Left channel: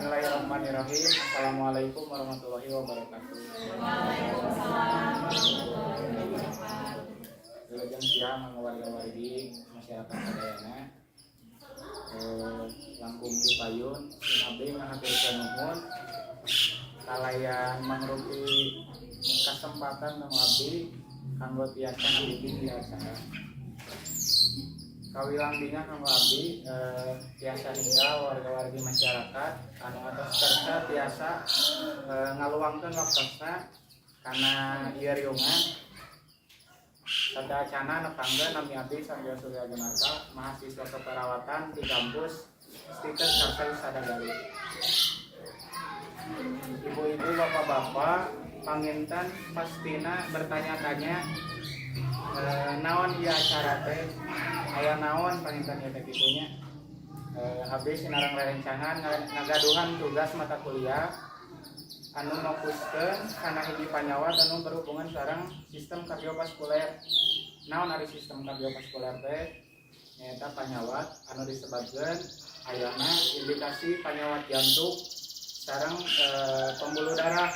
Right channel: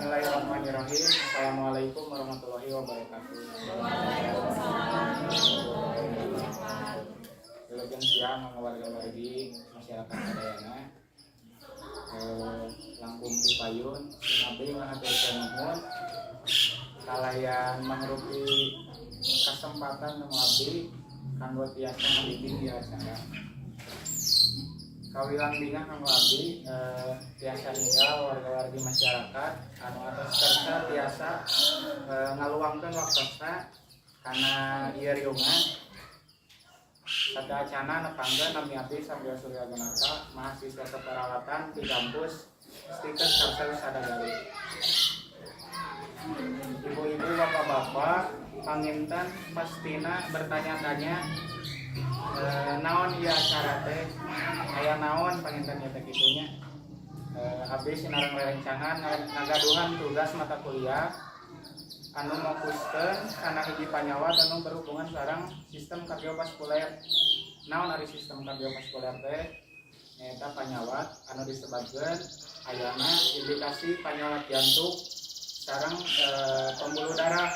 Bismillahirrahmanirrahim. Assalamualaikum warahmatullahi wabarakatuh. Wilujeng siang warga-wargi masyarakat Sadayana. Langkung di payun sinabi ngahaturkeun nuhun kalayan mangrupi kesempatan nu abdi kanggo tiasa ngabimbing di acara. Kawilang dina kanggo abdi tiasa ninggal warga-wargi masyarakat anu atos kersa tiasa ngaluangkeun waktosna kana ieu riungan sadacana nepangkeun nami abdi Sambil Surya Gunata mahasiswa keperawatan di kampus Stikes Karsai Sadagari. Ibu-ibu, bapak-bapak, panginten pastina bertanya-tanya naon ieu acara teh, aya naon panginten ieu teh kitunya. Abdi sinareng rerencangan ngagaduhan tugas mata kuliah anu fokuskeun kana hiji panyawat anu berhubungan sareng sistem kardiovaskuler. Naon ari sistem kardiovaskuler teh? Nyaeta panyawat anu disebabkeun ayana indikasi panyawat jantung sareng pembuluh darah.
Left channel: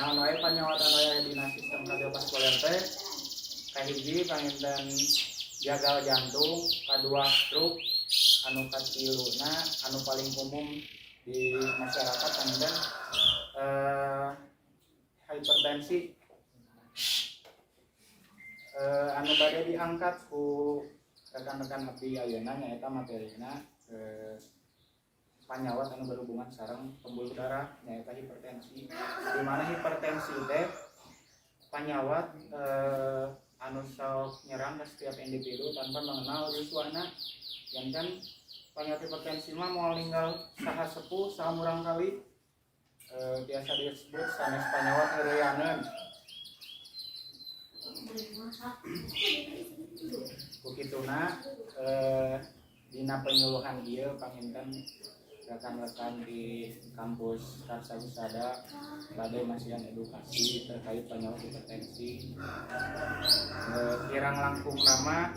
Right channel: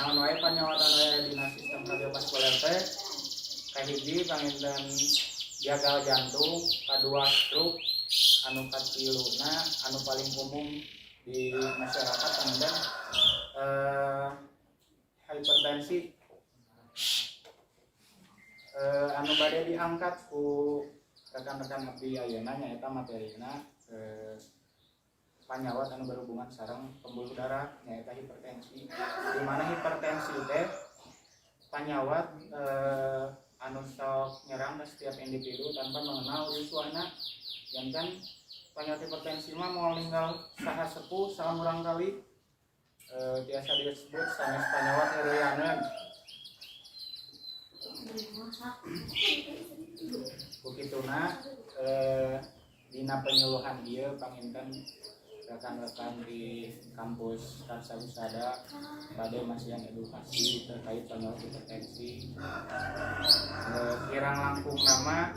Naon wae panyawat anu aya dina sistem kardiovaskuler teh? Kahiji panginten gagal jantung, kadua stroke, anu katiluna anu paling umum di masyarakat panginten hipertensi. Anu bade diangkat ku rekan-rekan abdi ayeuna nyaeta materina panyawat anu berhubungan sareng pembuluh darah nyaeta hipertensi. Di mana hipertensi teh panyawat anu sok nyerang ke setiap individu tanpa mengenal yuswana. Jangan panyawat hipertensi mah mau ninggal saha sepuh saha murang kali biasa disebut sanes panyawat heureuyaneun. Kukituna dina penyuluhan ieu panginten rekan-rekan di kampus Karsa Wisada bade masihan edukasi terkait panyawat hipertensi. Kirang langkung nama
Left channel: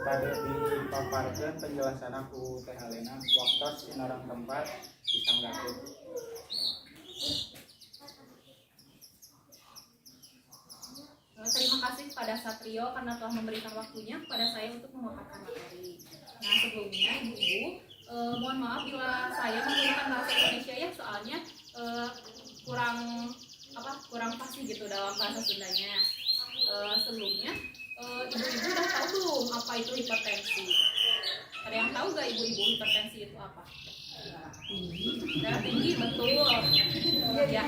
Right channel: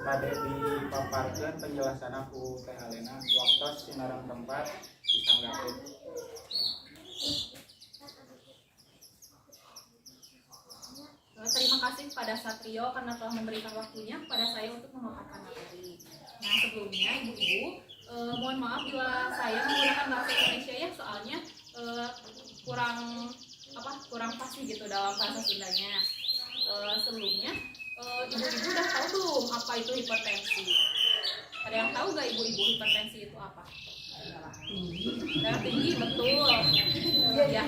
bade dipaparkeun penjelasan ku Teh Alena waktos sinareng tempat disanggakeun. Terima kasih kepada Satrio karena telah memberikan waktunya kepada saya untuk memaparkan materi. Nah, sebelumnya ibu-ibu, mohon maaf bila saya menggunakan bahasa Indonesia ya, soalnya kurang pasti gitu dalam bahasa Sundanya. Sebelumnya, ibu-ibu udah tahu belum apa itu hipertensi? Ada yang tahu gak ibu-ibu hipertensi itu apa? Darah tinggi, betul. Ya.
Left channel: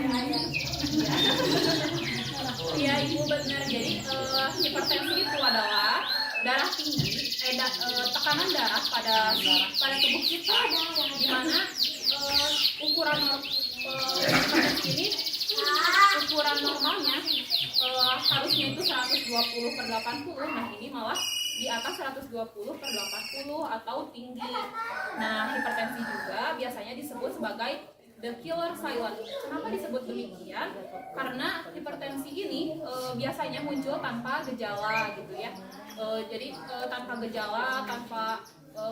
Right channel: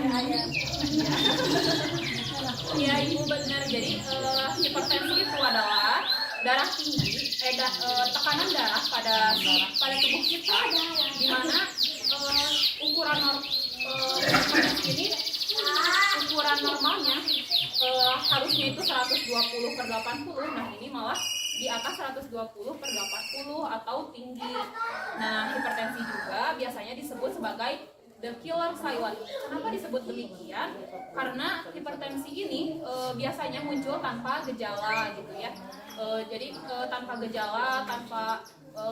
Ya ibu benar. Jadi hipertensi itu adalah darah tinggi, tekanan darah pada tubuh kita, di mana ukuran hipertensi ini ukuran normalnya harusnya itu 120/80. Nah ini malah di atas 120/80 atau tinggi. Nah hipertensi juga biasanya disebut sebagai the killer silent. Kenapa disebut demikian? Karena hipertensi ini biasanya muncul tanpa gejala gitu ya. Jadi tanpa gejala, tanpa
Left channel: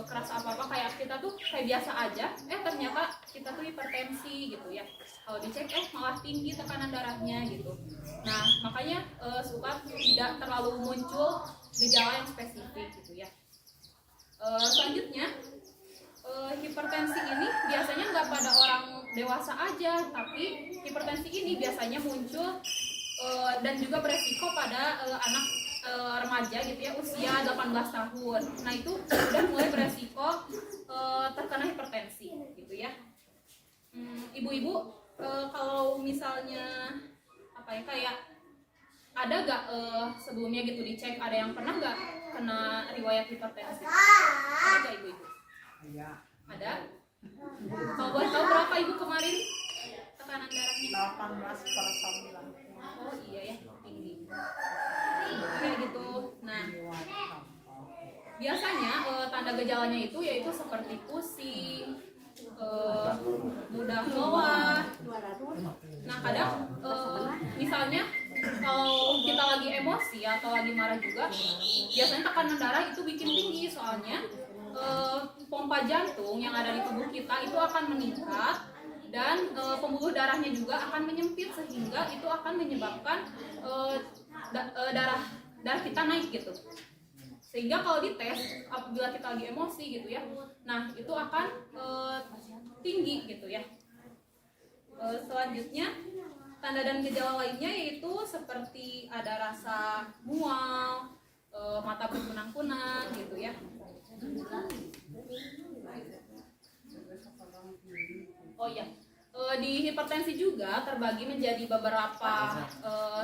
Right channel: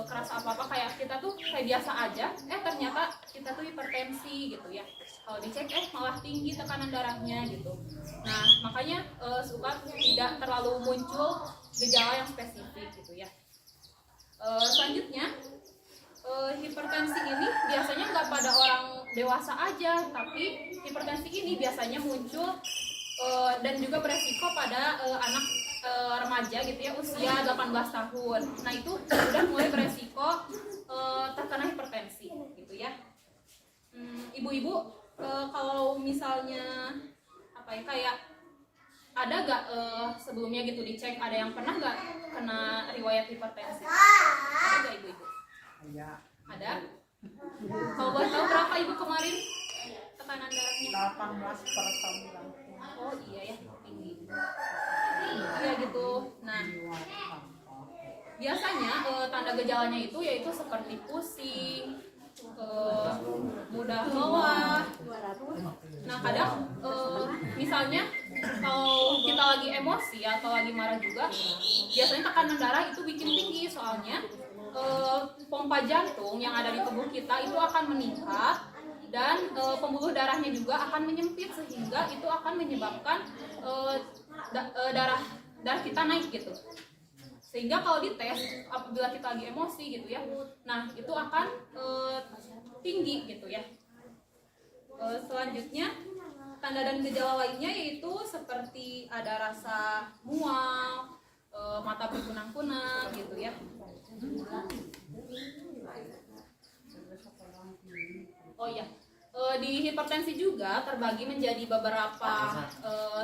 kerasa apa-apa, kayak kita tuh kayak biasa aja. Ternyata kita tuh hipertensi gitu ya. Kalau dicek malah tinggi tekanan darahnya gitu. Nah makanya suka tidak terlalu muncul gejala yang spesifik gitu ya. Selanjutnya hipertensi ini biasanya nggak pada orang dewasa aja, tapi hipertensi ini biasanya muncul dan juga beresiko pada anak remaja gitu ya, usia 18 tahun. Nah itu udah mulai beresiko terkena hipertensi gitu ya. Ibu-ibu, kalau misalnya kayak ada gak sebelumnya gitu dicek, ada yang pernah gak kena riwayat hipertensi? Ada gak ibu-ibu? Ada? Kalau boleh tahu berapa ibu kemarin tekanan darahnya? 18/9. Oh iya ya, tinggi. Iya gitu. Nah, biasanya tanda gejalanya itu yaitu seperti pusing, mudah lelah. Nah kadang misalnya kalau kita lagi emosi atau lagi marah juga, biasanya tekanan darah itu bikin tinggi, soalnya pompa jantung yang ada di tubuh kita itu akan meningkat, dan pembuluh darahnya juga akan menyempit, sehingga itu akan menyebabkan darah kita naik gitu. Sehingga kalau dites apabila kita lagi emosi gitu ya, nah itu akan tinggi gitu ya. Selanjutnya tanda dan gejala lainnya yaitu seperti ada rasa mual, mata berkunang-kunang gitu ya. Oh iya, di hipertensi juga terbagi menjadi beberapa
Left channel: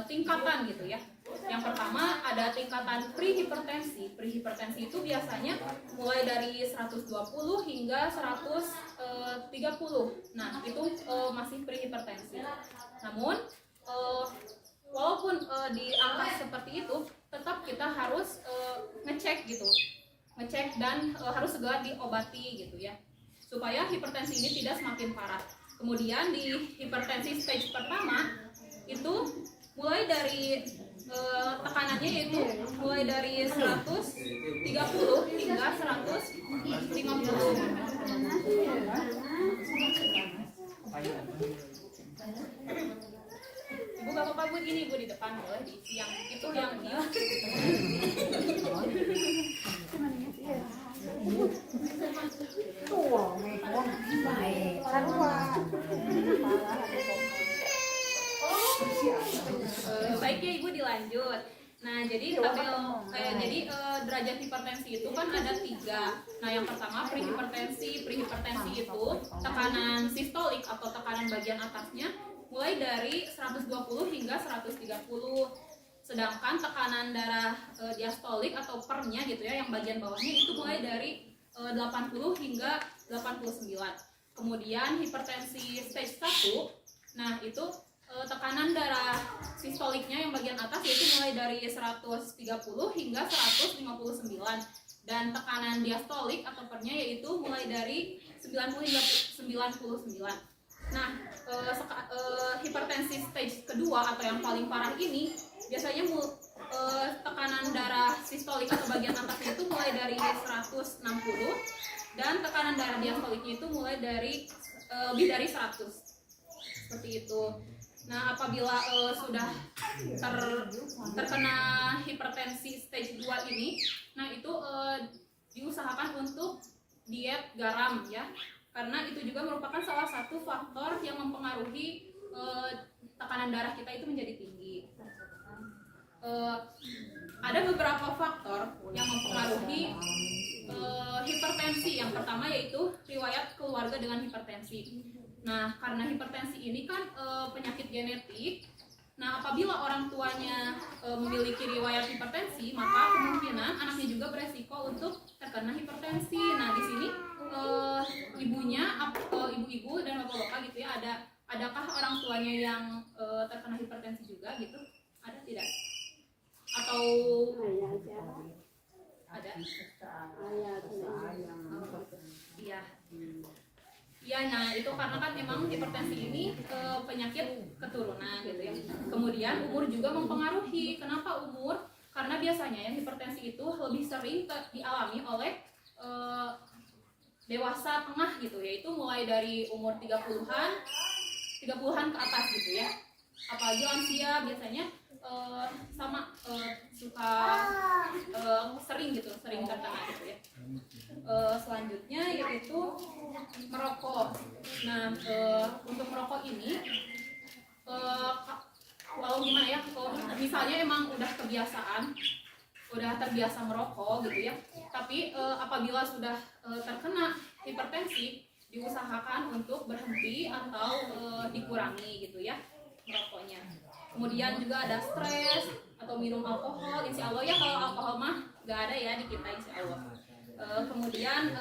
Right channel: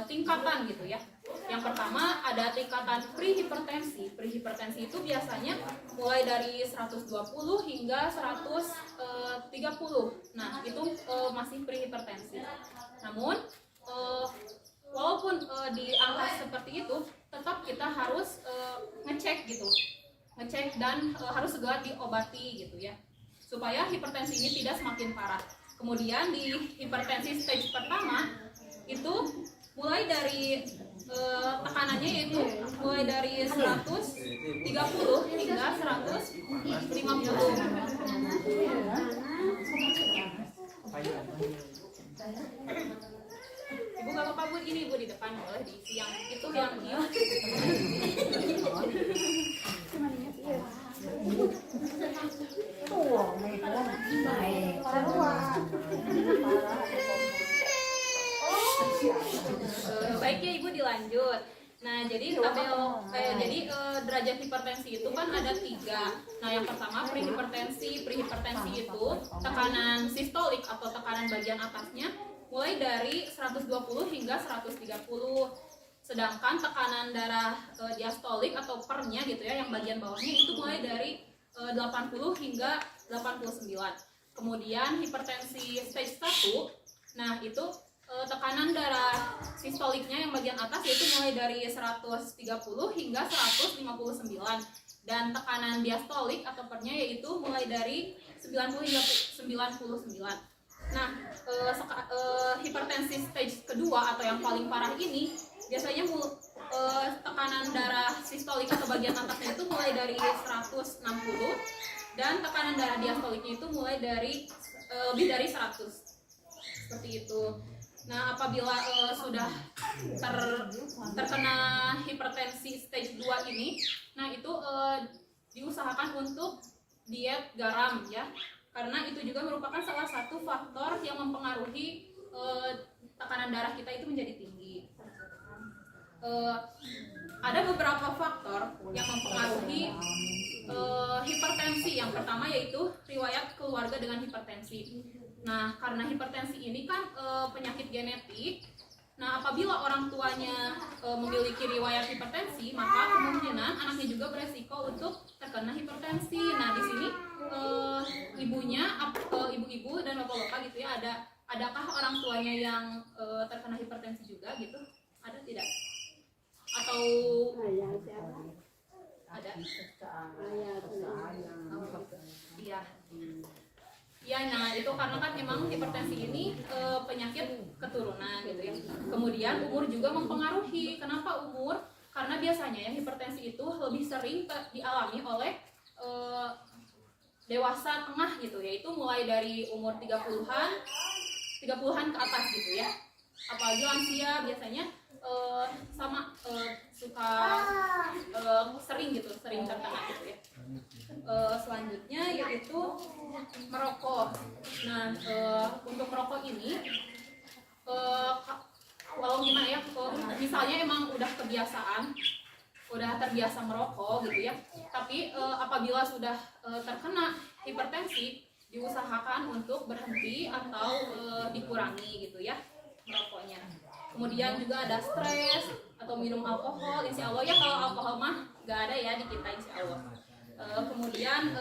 tingkatan gitu ya. Yang pertama ada tingkatan prehipertensi. Prehipertensi itu biasanya mulai dari 120 hingga 130. Nah, itu masih prehipertensi. Namun walaupun di angka seperti itu, tetap kita harus ngecek gitu. Ngecek dan harus segera diobati gitu ya, supaya hipertensi ini tidak semakin parah. Kemudian di hipertensi stage pertama itu mulai dari tekanannya yaitu mulai dari 130 hingga 150. Ibu gak apa-apa Bu, ini Bu di depan boleh diisi yang itu yang ini. Baik ya Ibu, dilanjut. Nah, jadi derajat hipertensi itu kan ada 3. Nah, yang pertama prehipertensi. Prehipertensi itu tekanan sistolik atau tekanan bagian atasnya mulai dari 120 hingga 130. Sedangkan tekanan darah diastolik atau pernya gitu ya, yang bagian bawahnya itu mulai dari 80 hingga 89. Kemudian hipertensi stage 1, nah itu tekanan darah sistoliknya yang bagian atas yaitu mulai dari 130 hingga 159, dan tekanan diastolik atau pernya yaitu mulai dari 90 hingga 99. Nah, hipertensi stage kedua atau yang paling parah ini biasanya tekanan darah sistolik atau bagian atasnya itu mulai dari 160, dan tekanan darah diastoliknya itu mulai dari lebih dari 100. Seperti itu. Nah, apabila sudah terkena hipertensi stage 2 ini, nah itu diusahakan untuk diet garam ya. Karena itu juga merupakan salah satu faktor yang mempengaruhi tekanan darah kita itu menjadi tinggi. Ada beberapa faktor yang mempengaruhi hipertensi. Yang pertama yaitu riwayat keluarga dengan hipertensi. Nah, karena hipertensi ini kan penyakit genetik. Nah, apabila orang tuanya memiliki riwayat hipertensi, maka kemungkinan anaknya juga beresiko untuk terkena hipertensi. Nah, di sini ibu-ibu dan bapak-bapak gitu ya, adakah orang tuanya yang terkena hipertensi juga gitu? Ada tidak? Atau ada? Iya. Ya, nah itu karena kan emang hipertensi ini penyakit keturunan gitu ya. Kemudian umur juga mempengaruhi. Kenapa umur? Karena biasanya yang hipertensi itu lebih sering dialami oleh dewasa tengah gitu, yaitu mulai dari umur 30-an ke atas gitu ya. Apalagi lansia biasanya suka sering terkena gitu ya. Selanjutnya yaitu merokok. Nah, untuk merokok ini walau gimana ya, misalnya emang udah terbiasa merokok gitu ya, tapi apabila sudah terkena hipertensi, diusahakan untuk berhenti atau dikurangi gitu ya merokoknya. Kemudian juga ada stres atau minum alkohol, insya Allah ya, kalau alkohol mah gak ada ya di kita insya Allah. Kemudian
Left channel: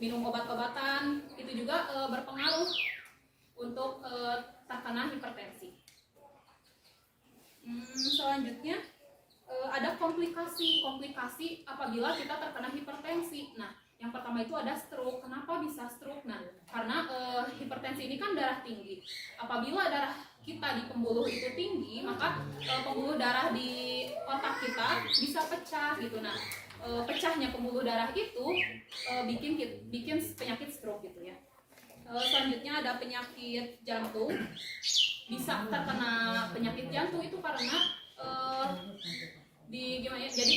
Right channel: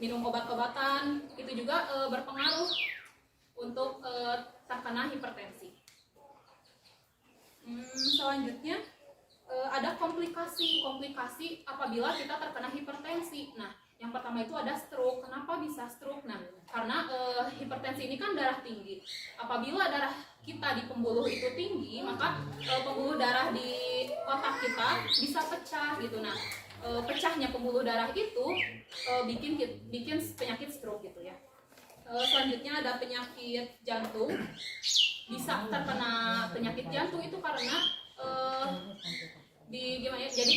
minum obat-obatan itu juga berpengaruh untuk terkena hipertensi. Selanjutnya ada komplikasi apabila kita terkena hipertensi. Nah, yang pertama itu ada stroke. Kenapa bisa stroke? Nah, karena hipertensi ini kan darah tinggi. Apabila darah kita di pembuluh itu tinggi, maka pembuluh darah di otak kita bisa pecah gitu. Nah, pecahnya pembuluh darah itu bikin penyakit stroke gitu ya. Selanjutnya ada penyakit jantung. Bisa terkena penyakit jantung itu karena jadi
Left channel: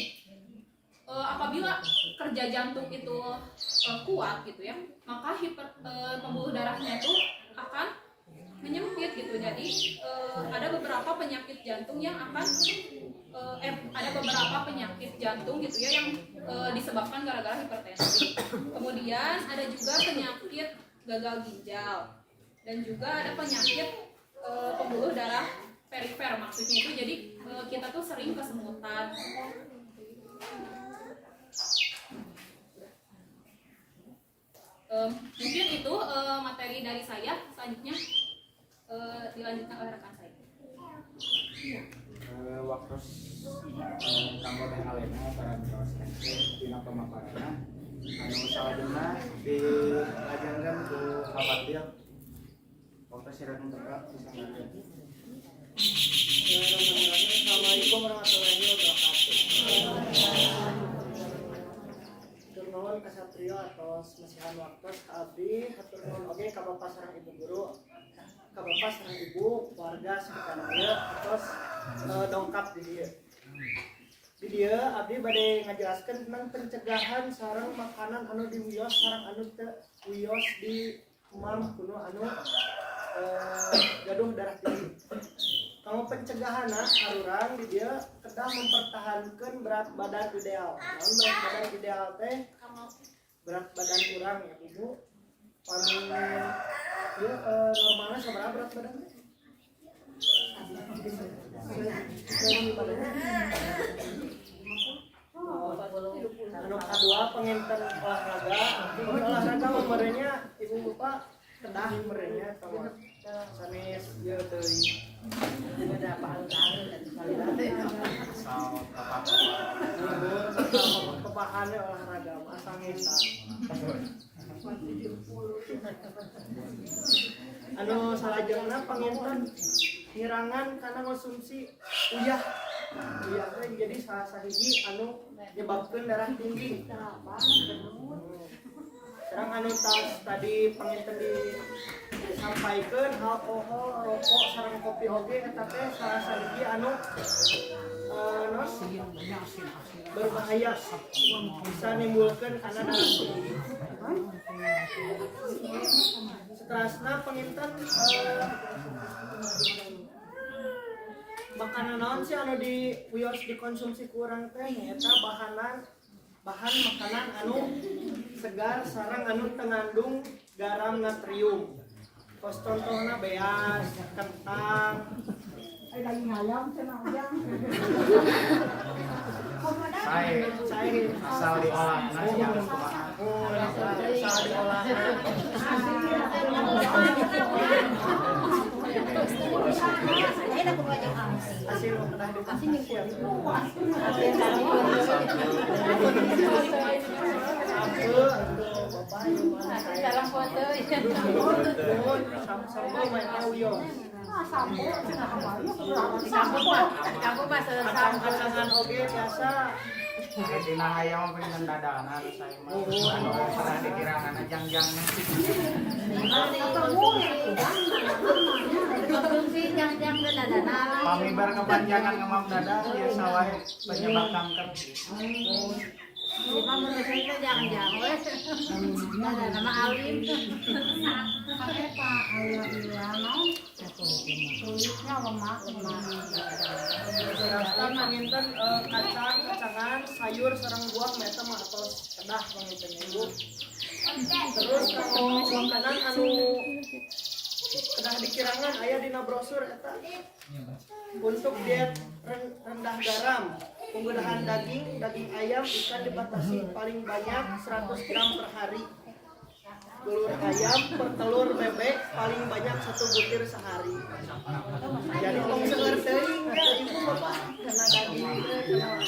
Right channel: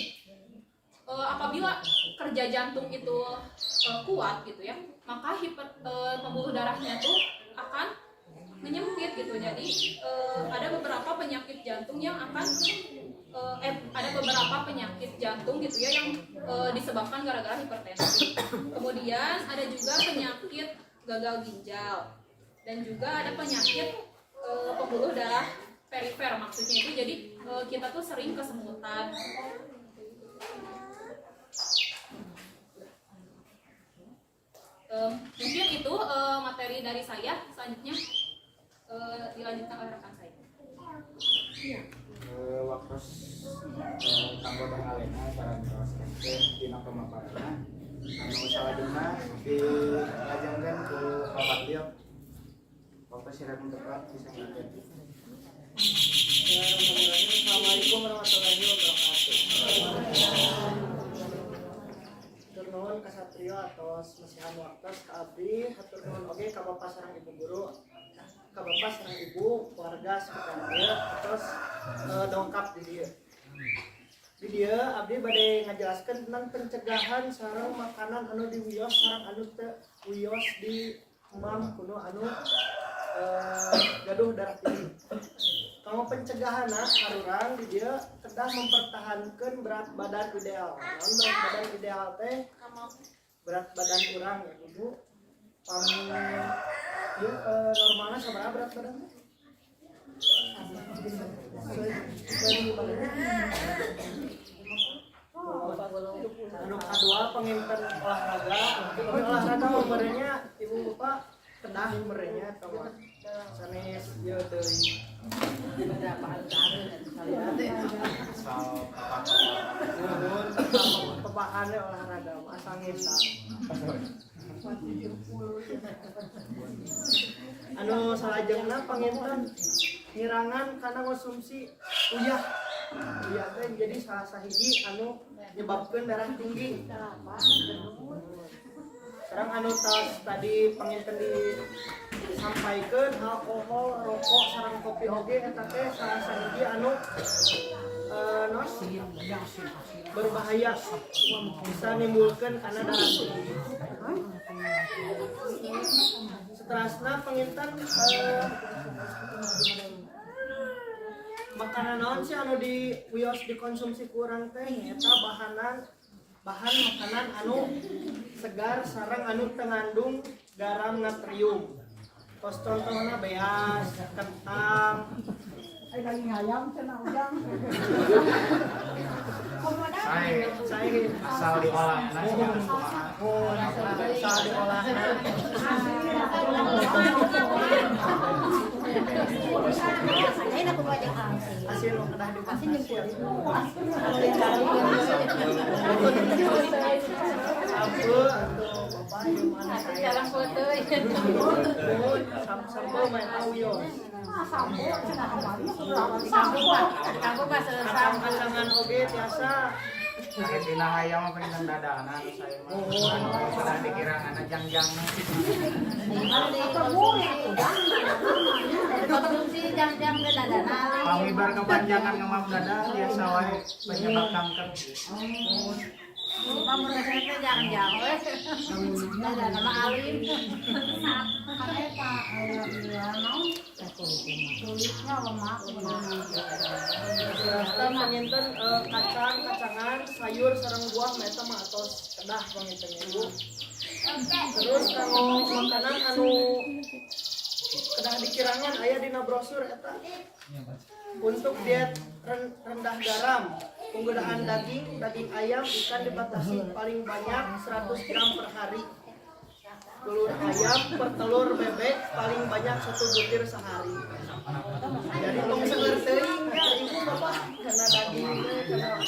apabila kerja jantung itu kuat gitu ya, maka pembuluh darahnya itu akan menyempit gitu. Jadi ada beberapa penyakit jantung yang akan ada beberapa penyakit jantung gitu ya yang disebabkan gara-gara hipertensi. Kemudian ada juga penyakit gagal ginjal dan juga ada penyakit pembuluh darah perifer, maksudnya itu jadi kita tuh sering kesemutan. Mungkin itu materi dari saya. Selanjutnya dilanjutkan oleh rekan saya. Waktu kanggo teh alena barang kaos teh dina pemaparanna anu salajengna dilajengkeun ku Fadil. Waktu silakan tepat disanggakeun. Assalamualaikum warahmatullahi wabarakatuh. Hatur nuhun kasatrio atos masihan waktos ka abdi, hatur nuhun oge ka Bapak sareng Ibu guru, ka Bapak sareng Ibu keluarga sekitar ieu atos dongkap di dieu. Di dieu abdi bade ngajelaskeun tentang pencegahan sareng makanan anu diwios sareng anu teu wios di emam kuno anu gaduh darah tinggi. Kalau pencegahanna harurang di dia kedah mempertahankan berat badan ideal. Namun berat badan ideal teh berat badan kurang ya Ibu. Pami ya normalnya sabaraha berat badan teh? Anu kadua penginten olahraga. Olahraga merenya Ibu Bapak kedah merenya atau sanes ieu teuing. Asal Kepahannya olahraga asal ngesang. Anu salajengna panginten ngirangan karena konsumsi uyah teh jadi salah sahiji anu nyebabkeun darah tinggi. Sekarang anu tadi panginten disampaikan alkohol, rokok, sareng kopi oge eta teh salah sahiji anu berbahaya, bisa menimbulkan karena darah tinggi. Seterusnya panginten makanan naon sih anu wios dikonsumsi kurang teh eta bahan makanan anu segar sareng anu tengandung garam natrium. Kos contohna beas, kentang, daging ayam cenah udang. Saya asal diolah seperti kumaha. Asal diolah. Asin kedah dipakai. Sampo atau bapak yang mana saya? Dalam foto Sampo main tahu yo. Sampo cenah amalnya keberatan sampo. Kacang-kacangan oge biasa. Aya dina hayang mah pengen dadakan saya mah. Anu sudah dikirangana jangjangna. Pamibar kepanjangan ngemam dada biasa wae penyebab kanker. Kulitnya lemak. Rasta panginten kacang-kacangan, sayur sareng buah meta mah atos kedah panginten Ibu. Terus kalau makanan anu kedah dikirangan aya dina brosur eta. Untuk diet rendah garam, penggunaan daging ayam, ikan dibatasi paling banyak 100 gram per hari. Telur ayam per telur bebek paling banyak 1 butir sehari. Jadi tong seger teuing ya Ibu Bapak karena daging ayam.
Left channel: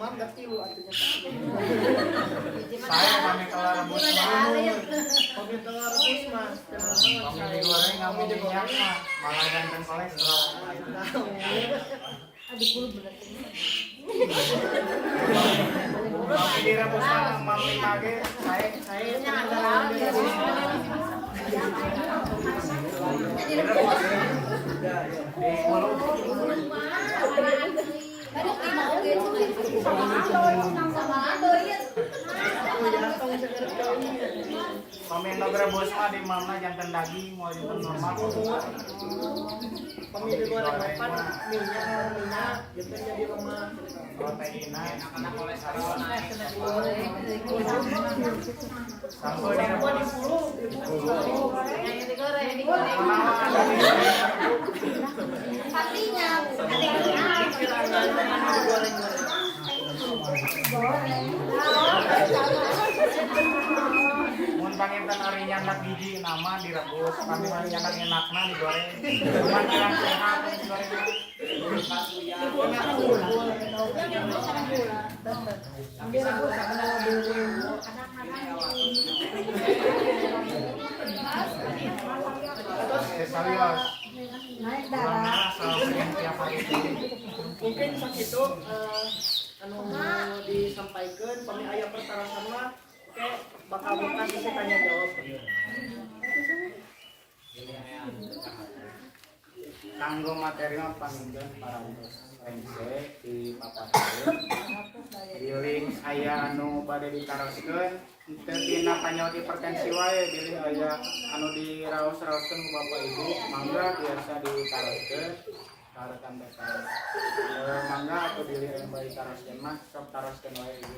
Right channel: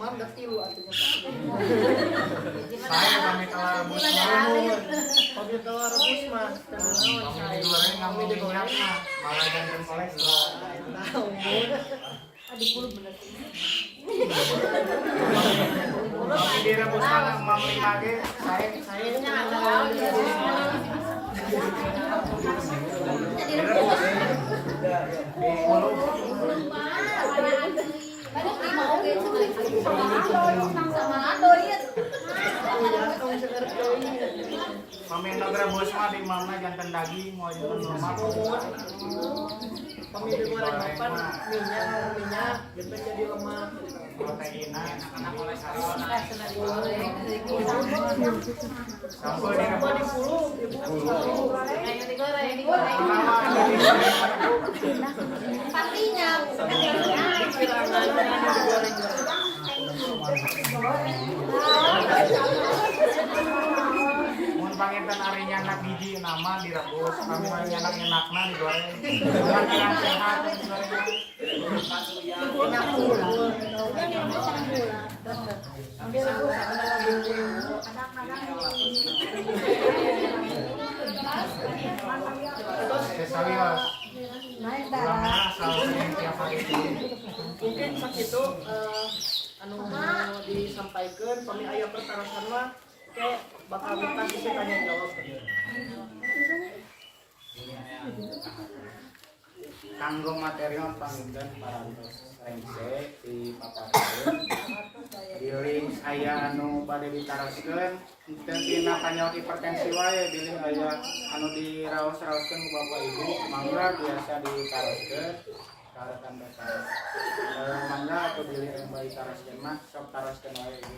maaf dah tilu artinya Saya kami telah rebus mah. kami telah rebus mah Kami digoreng nggak mau minyak mah, malah jangan kolesterol. Kami direbus mah mami mage, saya direbus. Direbus. Diuluk. Kami ngerebus mah di mana jantan daging mau jantan normal. kami digoreng mapan minyak gitu jadi lemak Proteinnya kolesterol. Sampai sampai direbus. di puluh Pastinya. kirangan digoreng Mun panginten ari nyandak biji nama direbus, kami mah nyandak enakna digoreng. Cuman kirang sehat digoreng. enak Serius. Ulangnya asal sering tiap hari itu. mungkin sakitu anu disampaikan kami aya pertarasan mah kayak bakal buka sisi tanya jawab Tanggung material panginten parantos rengse di paparan. Di link aya anu bade ditaroskeun teu tina panyaut hipertensi wae bilih aya anu diraos-raoskeun ku Bapak Ibu mangga biasa ditaroskeun karekan dasar. Mangga atuh bilih aya bade ditaroskeun mah sok taroskeun wae Ibu.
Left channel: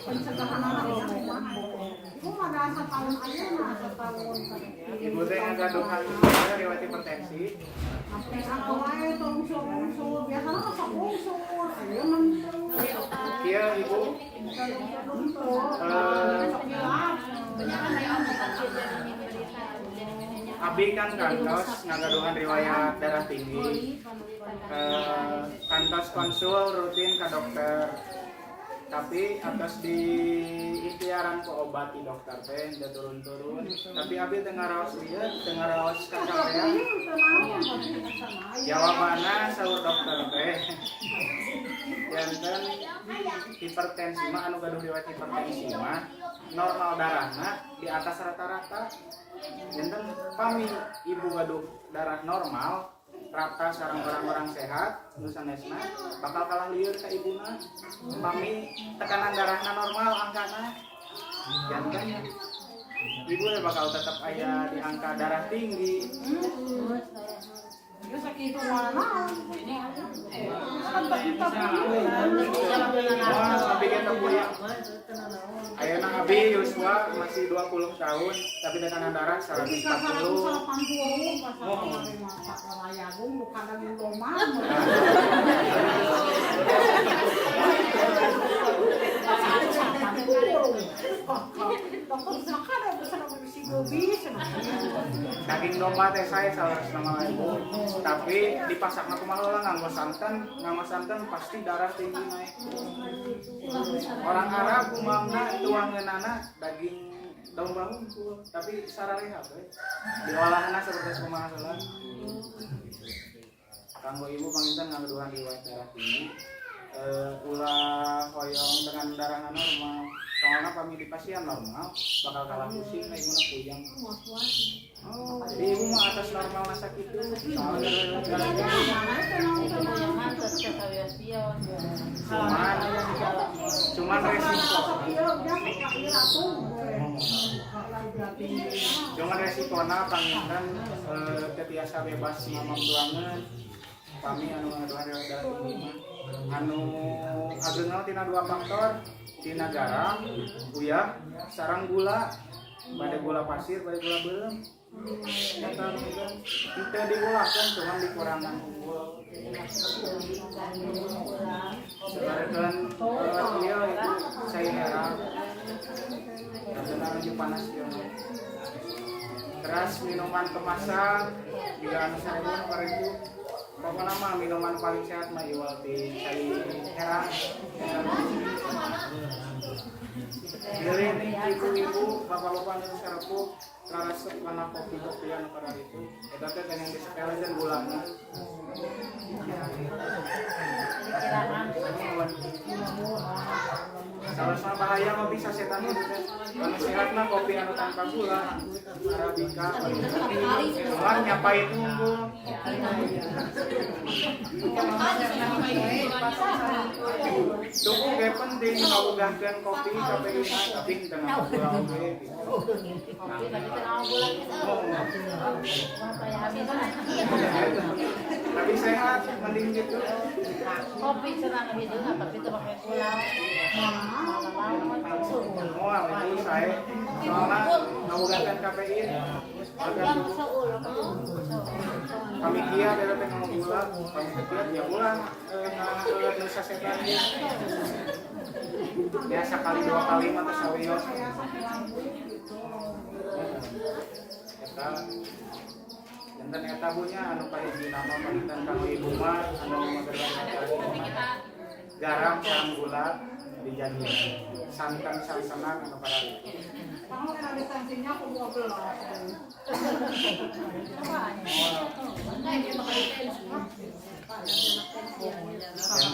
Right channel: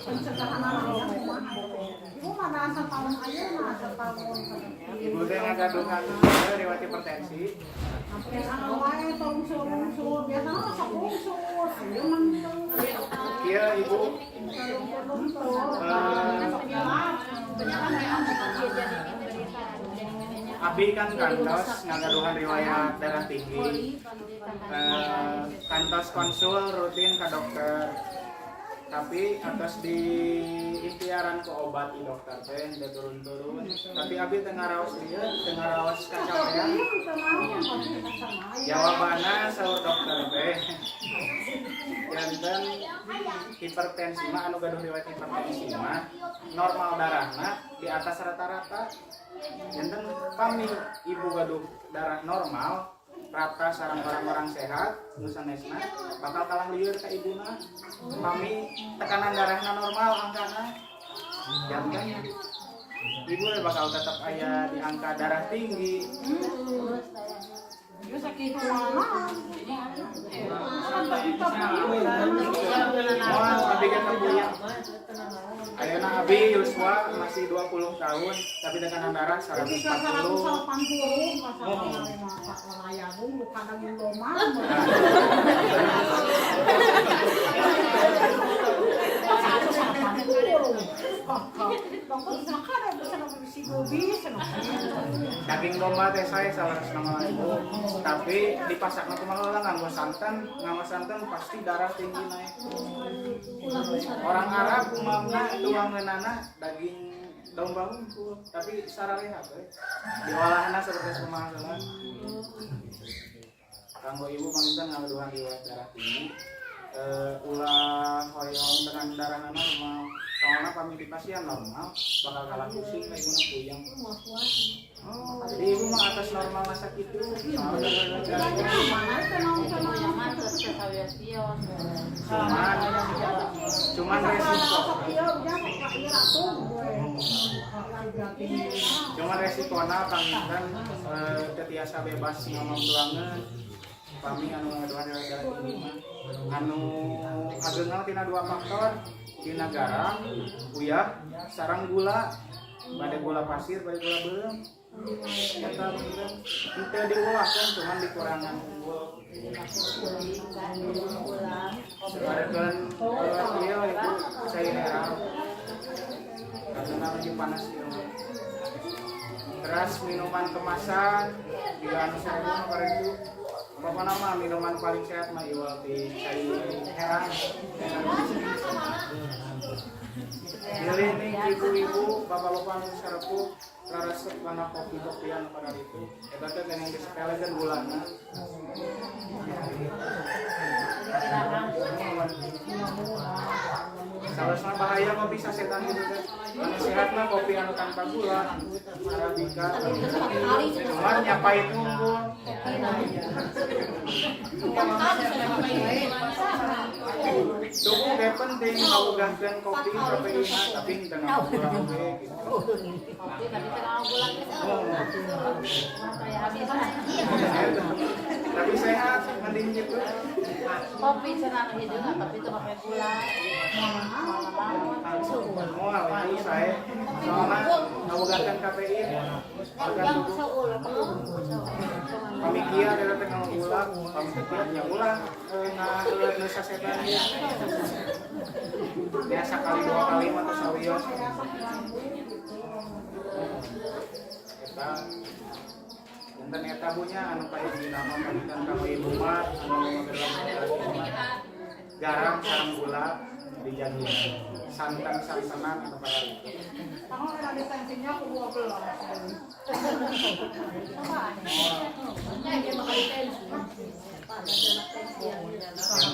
pencegahan anak ibu mana asal tahun aja mah asal tahun Ibu teh ngagaduhan riwayat hipertensi. yang anak wae tungsur biasanya masa tungsur ayo mentung Kieu Ibu Abi kan kantos ngagaduhan riwayat darah tinggi. Kantos konsul rutin ke dokter. Tapi atas di ikhtiaran ke obat di dokter teh udah turun-turun. Tapi abi tengah raos lieu, tengah raos kacapean. Jawabannya sahur dokter teh. Janten hipertensi mah anu gaduh riwayat hipertensi mah normal darahna di atas rata-rata. Janten pami ibu gaduh darah normal rata sareng orang-orang sehat nu sanesna bakal kalah lieur ka ibuna. Pami tekanan darahna normal angkana. Janten ibu bakal tetap aya di angka darah tinggi. Yo sakit mana? Moal abi kita puyang. Ayeuna abi Yuswa masih 20 tahun tapi tekanan darah 140. Daging domba teh saya 150.000. Tapi dipasakna kumaha heula nganggo santan pasti darah tinggi naik. Orang Arab umamna tuangeunana daging domba unggul tapi sarareha we. Diolahna seperti kumaha heula. Kanggo ibu panginten ngaduhan riwayat darah tinggi. Ulah hoyong dengan darahna normal. Soalnya kami di pasien normal bakal kalah pusing kayak guna puyeng. Oh, jadi ibu mah atas normal masa itu. Soalnya cuman resiko panginten tetiasa bebas ngomong tuangan. Kami anu ngaduhan darah tinggi mah anu ageuna tina 2 faktor. Tina garam, uyah, sarang gula, bade gula pasir, bade gula beureum. Eta teu diulahkeun cuman dikurangan unggul. Sabarekeun ieu itu saya heran. Karena lagi panas ieu. Beras minuman kemasan juga anu 1000 nu itu pokoknya mah minuman paling sehat mah iwal di cai herang. Pilih nih ibu-ibu bapak-bapak anu sarepuh resep kana kopi-kopian pada itu. Eta teh yang disepelekeun gulana. Salah bahaya kopi sasetan itu teh. Anu sehat mah kopi anu tanpa gula, arabica. Cuman nyapain unggul. Cukup kayak penting ngawugahkeun kopi kafein tapi teu ngapa gula oge gitu. Tapi sehat mending gitu. Kopi cenah gitu tapi itu pakai gula. Mau itu saya soalnya ngawugahkeun kafein organ tubuh. Pamikia dari teh ngomong gula, pamikia ya gula ngeuleut nu sasetan. Biasa kali 2 kali mah teh sawios. Eta janten eta bunya anu pahiji nama panten ka ibu mah anu magelang garam sareng gula dijadi santan-santanan anu para itu. Kalau ada lisensinya aku 12.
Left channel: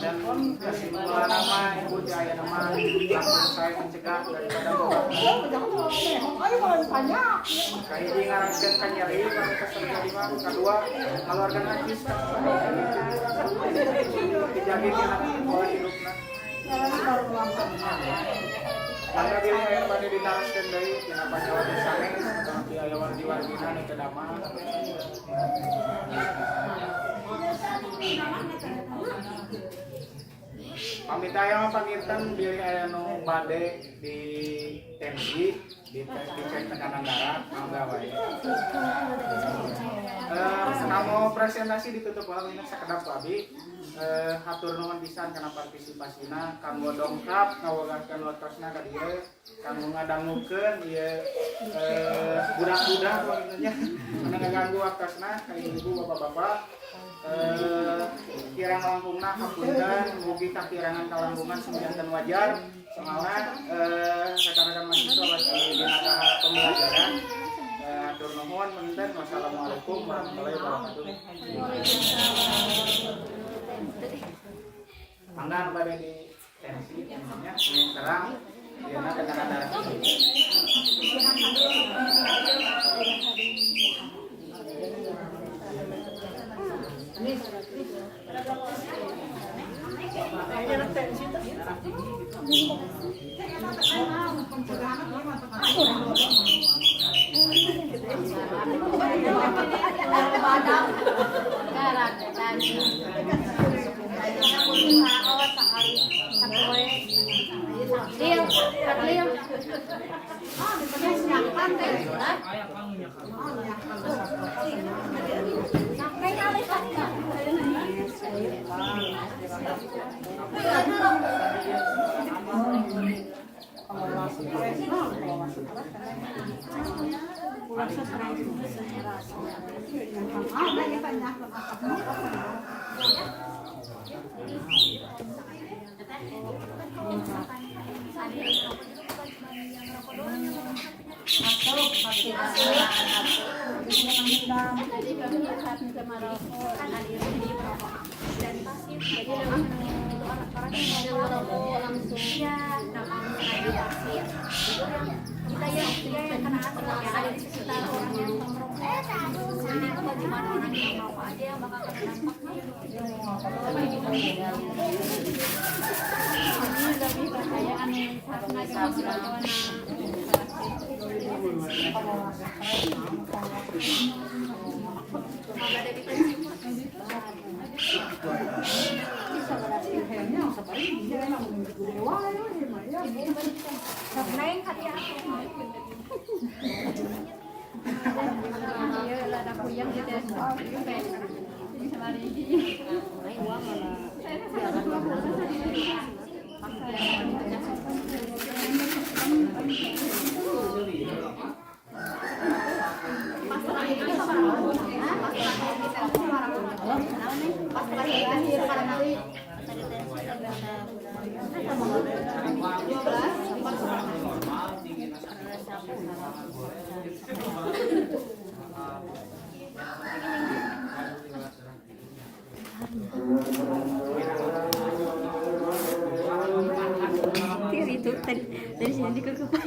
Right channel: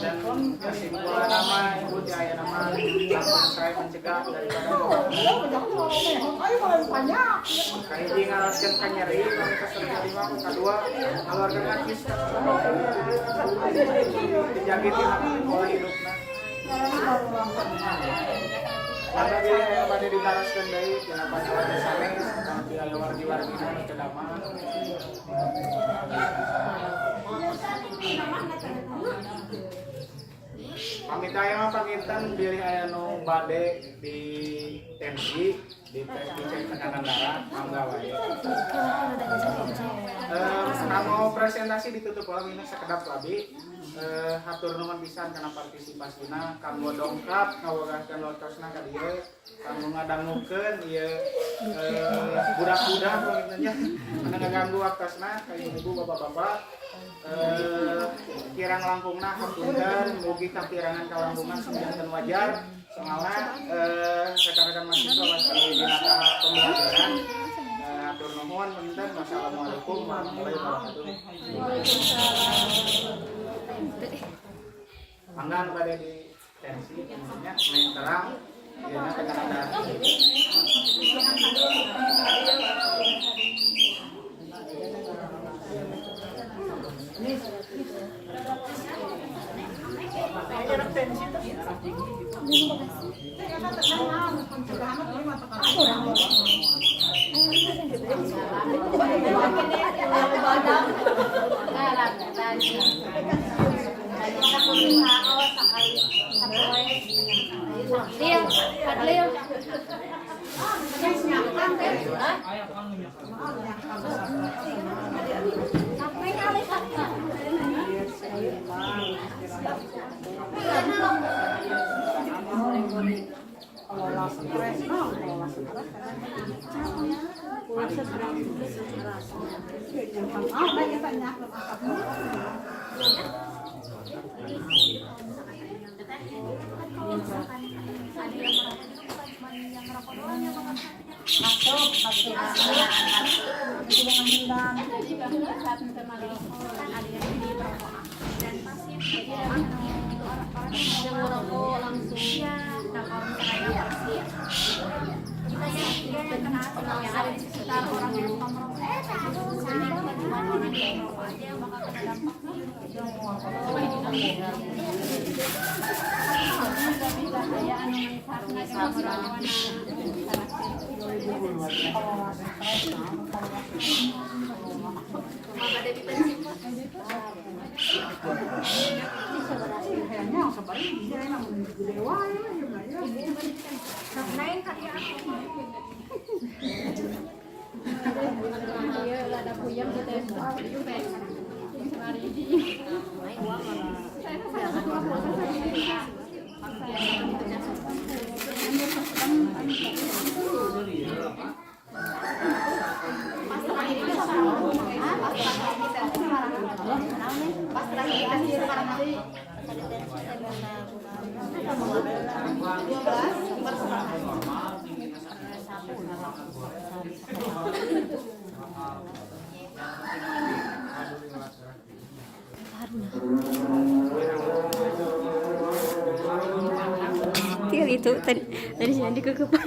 Dan kesimpulan nama ibu di ayah nama langsung saya mencegah daripada Ayo kalau banyak. kahiji ngaraskeun ka nyeri pamika terjadi mah kadua ngaluarkeun najis dijagi tina pola hidupna. Maka bila yang pada ditaraskeun deui tina panyawa sanes tapi aya wargi-wargina nu teu damang. Pamitaya mah panginten bilih aya nu bade di tensi dicek tekanan darah mangga wae. Kanggo presentasi ditutup ulang ini sakedap abi. Hatur nuhun pisan kana partisipasina kanggo dongkap ngawagahkeun lokasna ka dieu kanggo ngadangukeun ieu budak-budak nya anu ngaganggu waktasna ka ibu bapak-bapak. Kirang langkungna hapunten mugi kakirangan kalangkungan sumjanten wajar soalna rekan-rekan mahasiswa masih dina tahap pembelajaran. Hatur nuhun punten. Wassalamualaikum warahmatullahi wabarakatuh. Mangga anu bade di tensi intinya yang terang dina dengan ada Kayaknya tensi tuh. dan pasif jadi aktif itu orang yang mau langsung ya. Nah kalau misalnya pasif kita yang kena asap yang ada di sekitar orang yang merokok jadi cuma orang yang merokok aja yang bakal kena dampaknya ini lebih bahaya anu karena cuma merokok ada di pensiun main karya dia ada kuyang di desa itu baik lari di saya sangat pas lagi itu sama orang pas lagi kita sama orang pas terakhir sekarang kali 12 perserangan. Itu dari sini dikekepan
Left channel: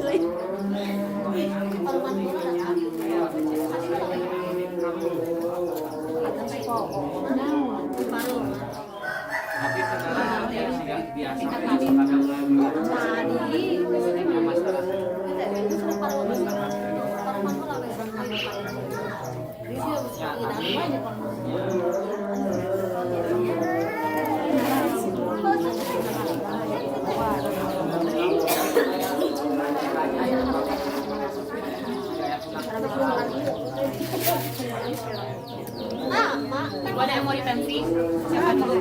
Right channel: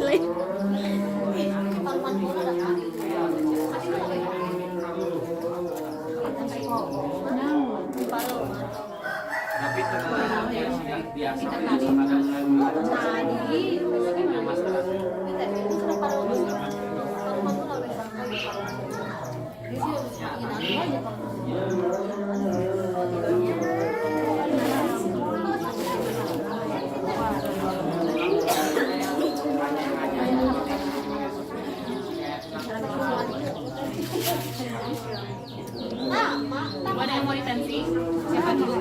lain. Tapi setelah yang biasa kadang mulai masalah. Gua ada yang mau dipensi, siapa dulu?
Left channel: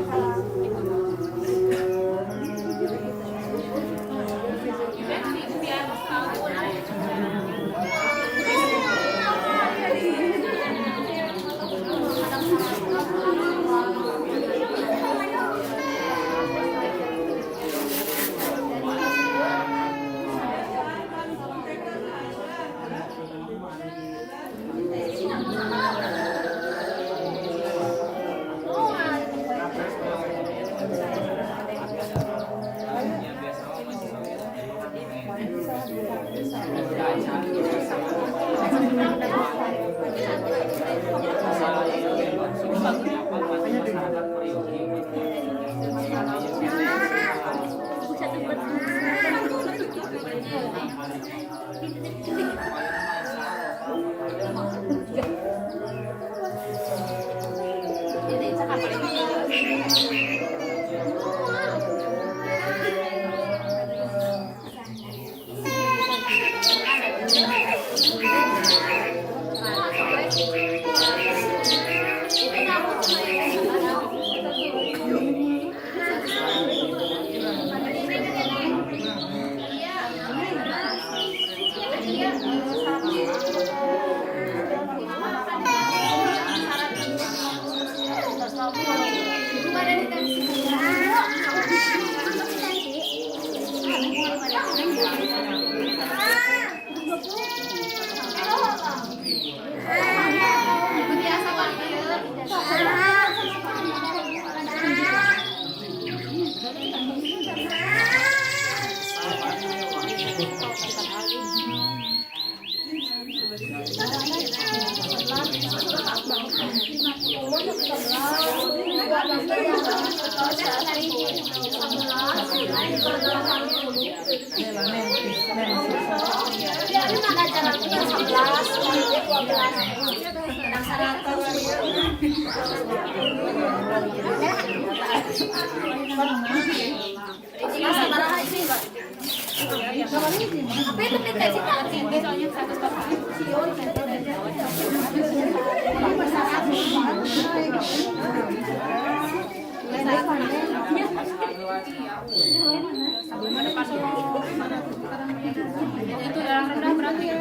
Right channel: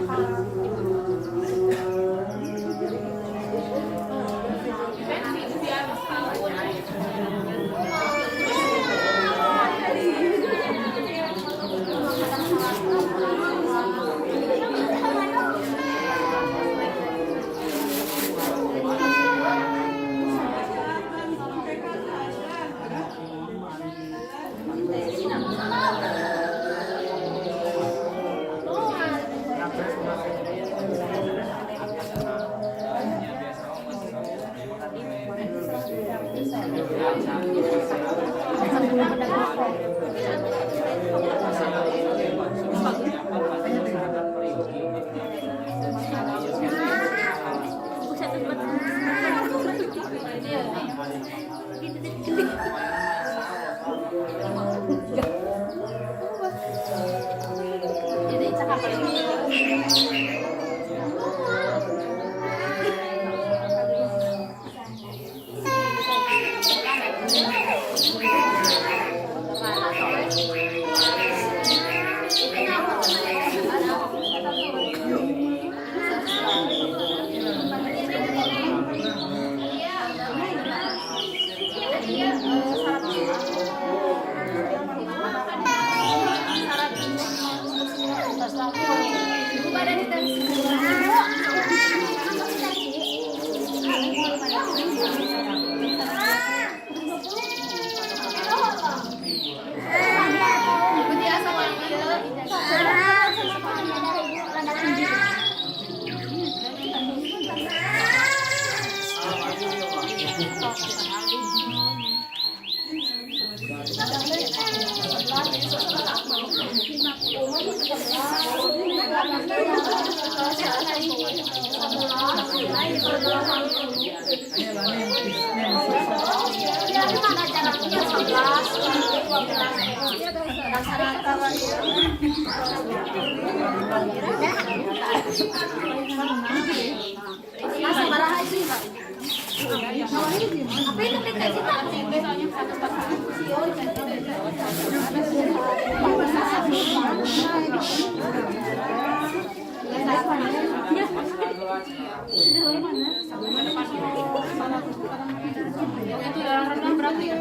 Itu darah rendah berarti ya?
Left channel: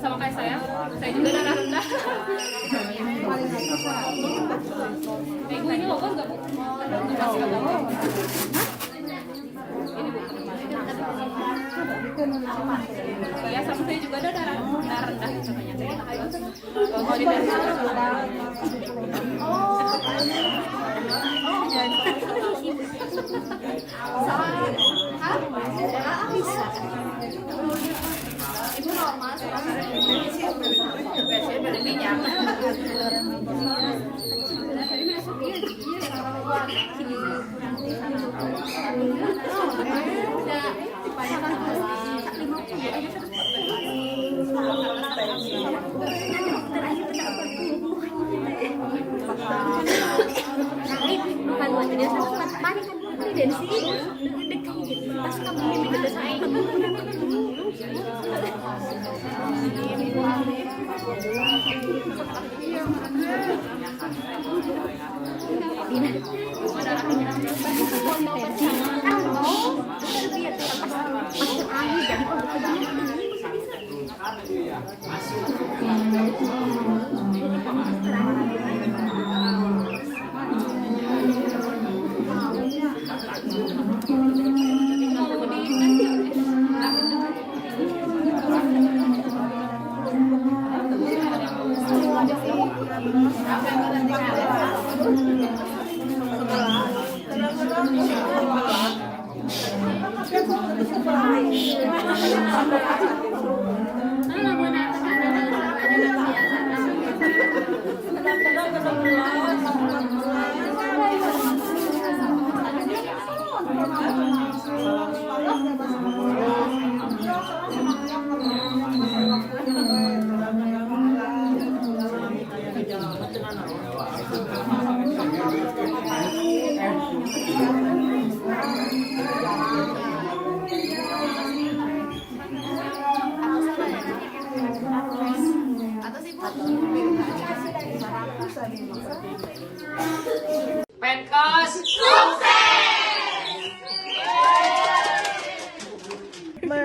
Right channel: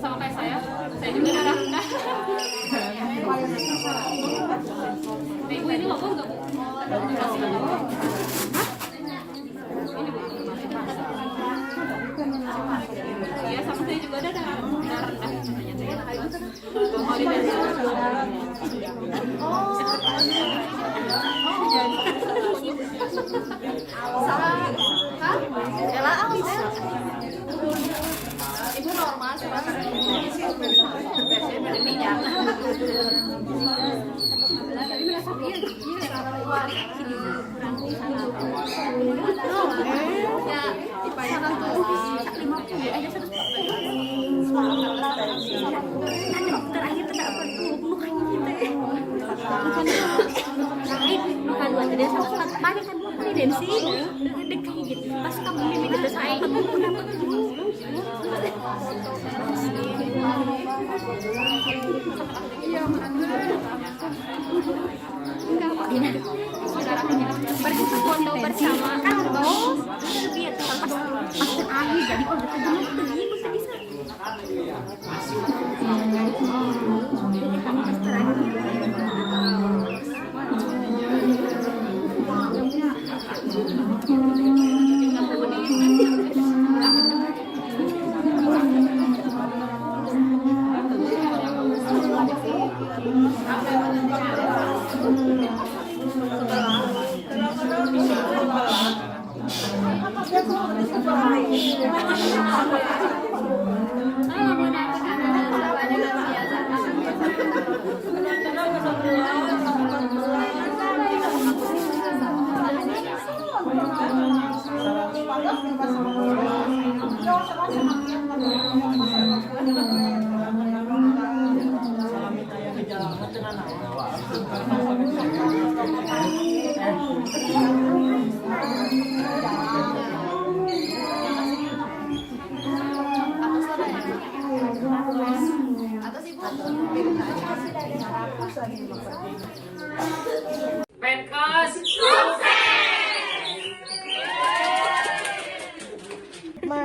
Sama kayak saya juga darah rendah. Bu, ini logo nggak, Bu? Ya, sama saya juga ada darah rendah. Kalau di Ibu normal Jadi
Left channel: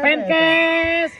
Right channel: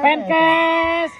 Penkes